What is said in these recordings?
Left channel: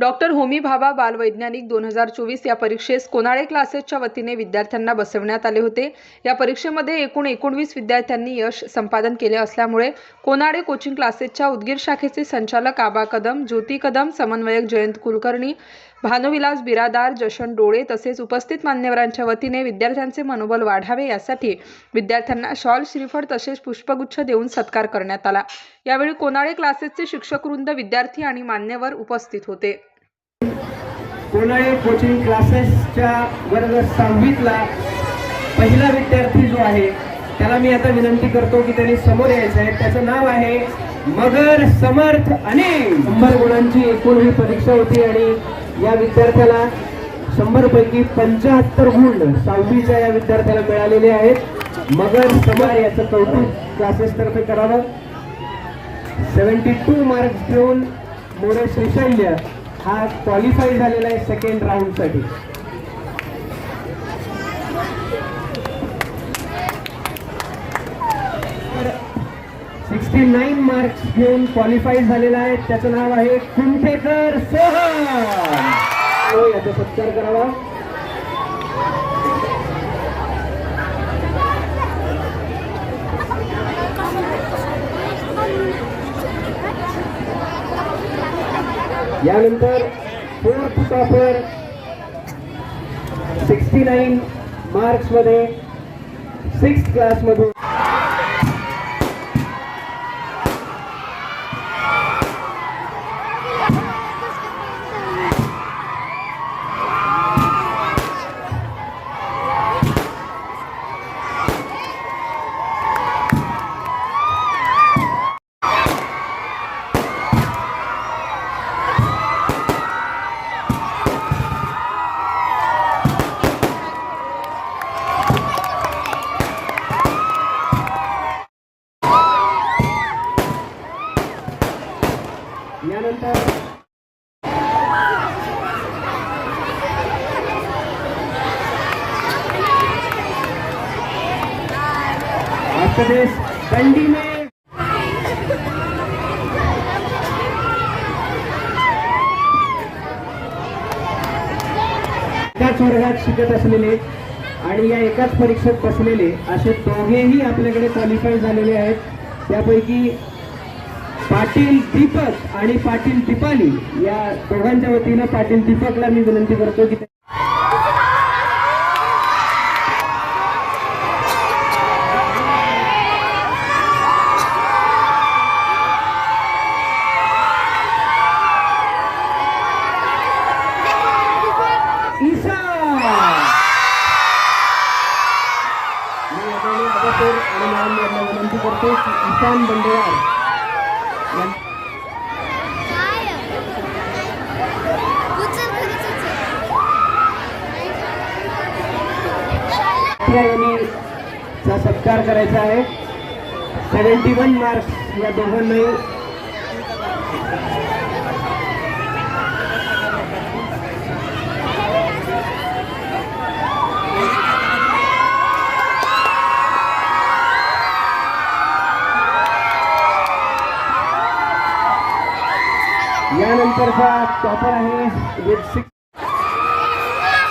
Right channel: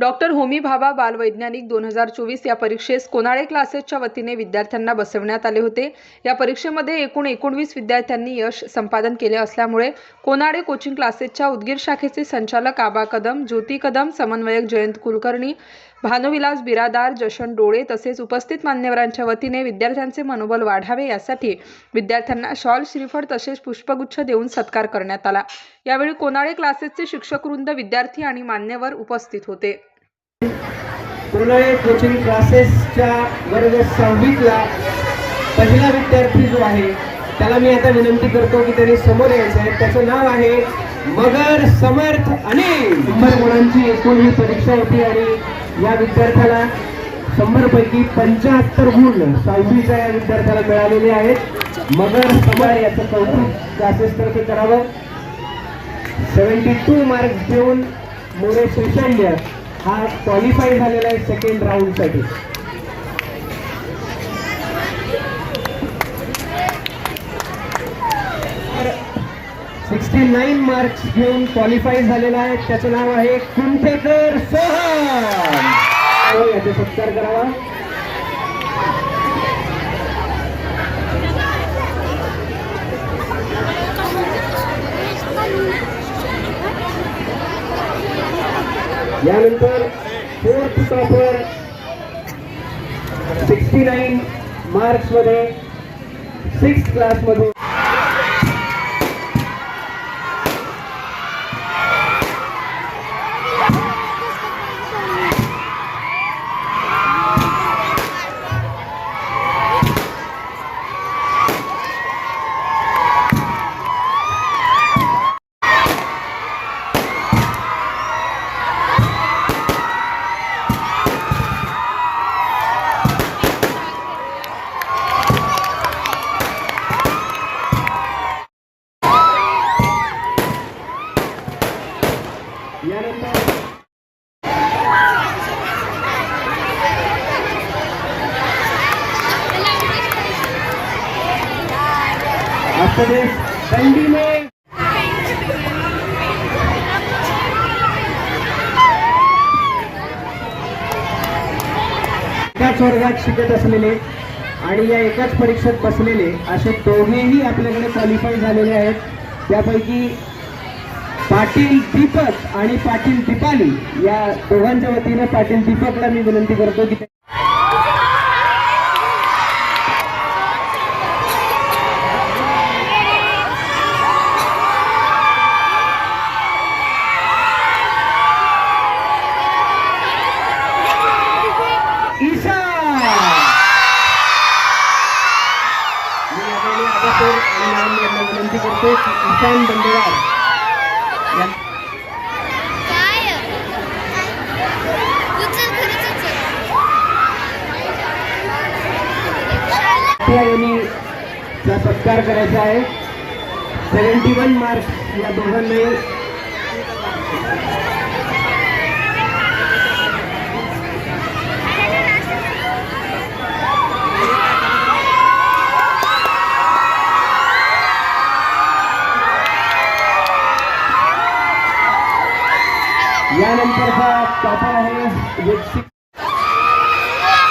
Doctor Homi Bhabha बालवैज्ञानिक दोन हजार चोवीस या परीक्षेस कोनाळे क्लासेसच्या वतीने विद्यार्थ्यांना बसवण्यात आले होते. या परीक्षेमध्ये एकूण एकोणवीस विद्यार्थ्यांनी यश संपादन केले असल्यामुळे कोनाळे कोचिंग क्लासेसच्या उदगीर शाखेचे संचालक आबा कदम ज्योती कदम समन्वयक जयंत कुलकर्णी भानुविलास बिरादार जशन डोळे तसेच उपस्थित मान्यवरांच्या वतीने विद्यार्थ्यांचे मनोबल वाढावे यासाठी विद्यार्थ्यांना शॉल श्रीफळ तसेच पुष्पगुच्छ देऊन सत्कार करण्यात आला. यावेळी कोनाळे क्लासेसचे शिक्षकवृंद विद्यार्थी आणि मान्यवर उपस्थित होते. कोणाळे कोचिंग क्लासेसच्या वर्ग सहावीतला पहिला विद्यार्थी जो आहे त्याला मी आता विनंती करतो की त्यांनी समोर यायचं आहे. त्याचं नाव आहे मगर समर्थ अनिल. शंभर गुणांची एकूण ही परीक्षा होती आणि या विद्यार्थ्याला शंभर पैकी पंच्याहत्तर गुण सहावीच्या या विद्यार्थ्याला मिळालेले आहेत. मगर समर याचं कौतुक क्लासेसतर्फे करावं. सेवन्टी टू मार्क्स घेऊन मोरे श्रीशैल्य हा क्वालिफाय झालेला आहे सेकंड राऊंडसाठी सिक्स्टी नाईन मार्क्स घेऊन क्वालिफाय झालेला आहे. त्याचं नाव आहे कुंठेकर सोहम. हो, याचा सत्कार करावा. यानंतर फोर्थ टॉपर सिक्स्टी नाईन मार्क्समध्ये सिक्स क्लासमधून यानंतर आपका दंडी में एकाच वर्गात शिकत असलेले आणि या एकाच परीक्षेत बसलेले असे दोघेही आपल्याकडे क्वालिफाय झालेले आहेत. त्यापैकी पाटील दीपक आणि पाटील दीपाली या दोघांच्या वतीनं पाटील दीपकला मी विनंती करतो की ईशा! मी आदरणीय विनंती करतो की ईशान बंडेवार यांनीचा या सत्कार करायचा आहे. सेवन्टी वन मार्क्स या दोघांनाही. यानंतरचा टॉपर आहे वेब सिक्स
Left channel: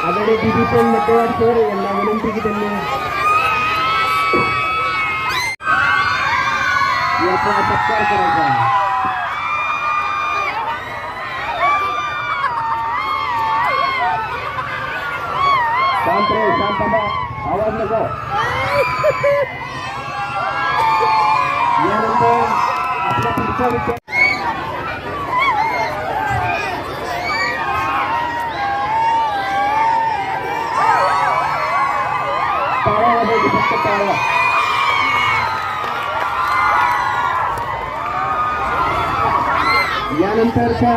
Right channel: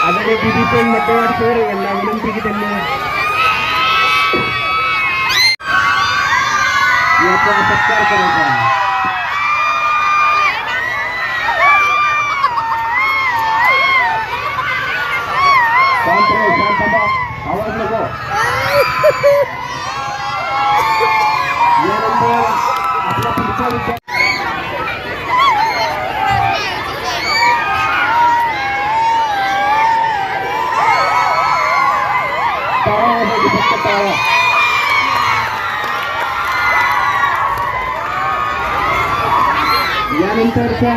आदरणीय दिदी पण मतदार सर यांना विनंती की त्यांनी याचा सत्कार करायचा आहे. शांत राहू शांत आवाज नको. यानंतर आपला पुढचा विचार वाजवायची फक्त टाळा यानंतरच्या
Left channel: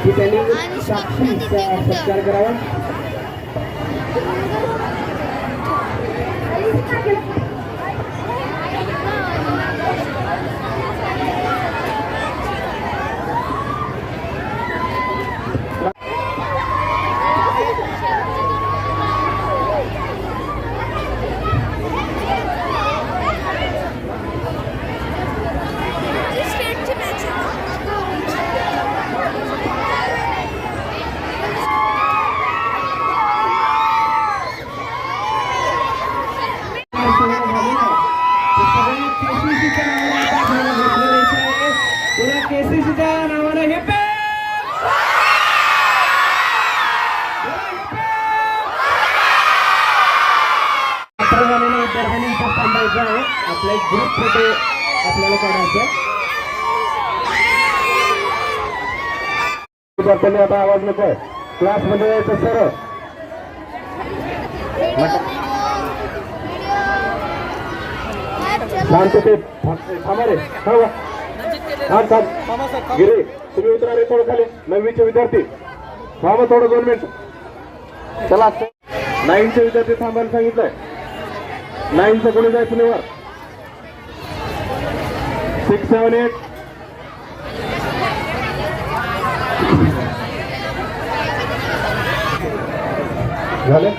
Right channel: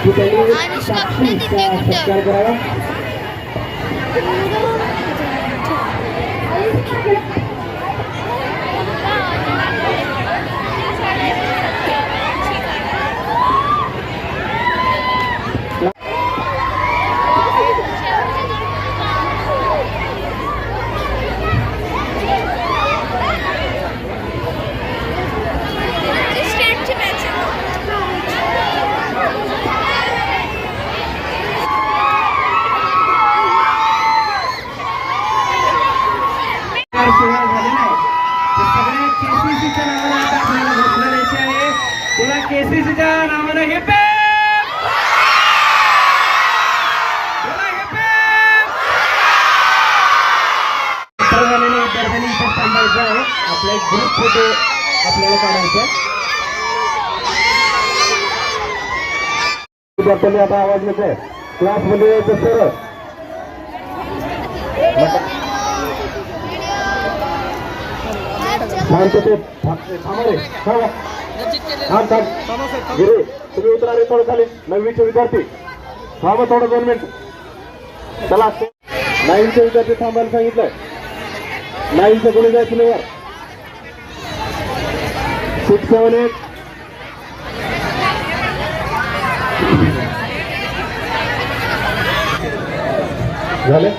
की त्यांनी साक्षीचा सत्कार करावा बोला हे पे झालेल्या विद्यार्थ्यांनी इथे थांबायचं आहे आपला एक ग्रुप फोटो आपल्याला काढायचा विद्यार्थ्यांनी आता आवाज नको क्लासमध्ये यायचं सरळ. शांततेत. थांबा रे. थांबा थांब गिरे तुम्ही उतरा रे थोडं खाली नववीचे विद्यार्थी थांबा थोडं दोन मिनिट. चला नाईनचे विद्यार्थी थांबायला सांगितलंय. नाईनचं कोणी जायचं नाही वर सिक्स सेवन एट झाले?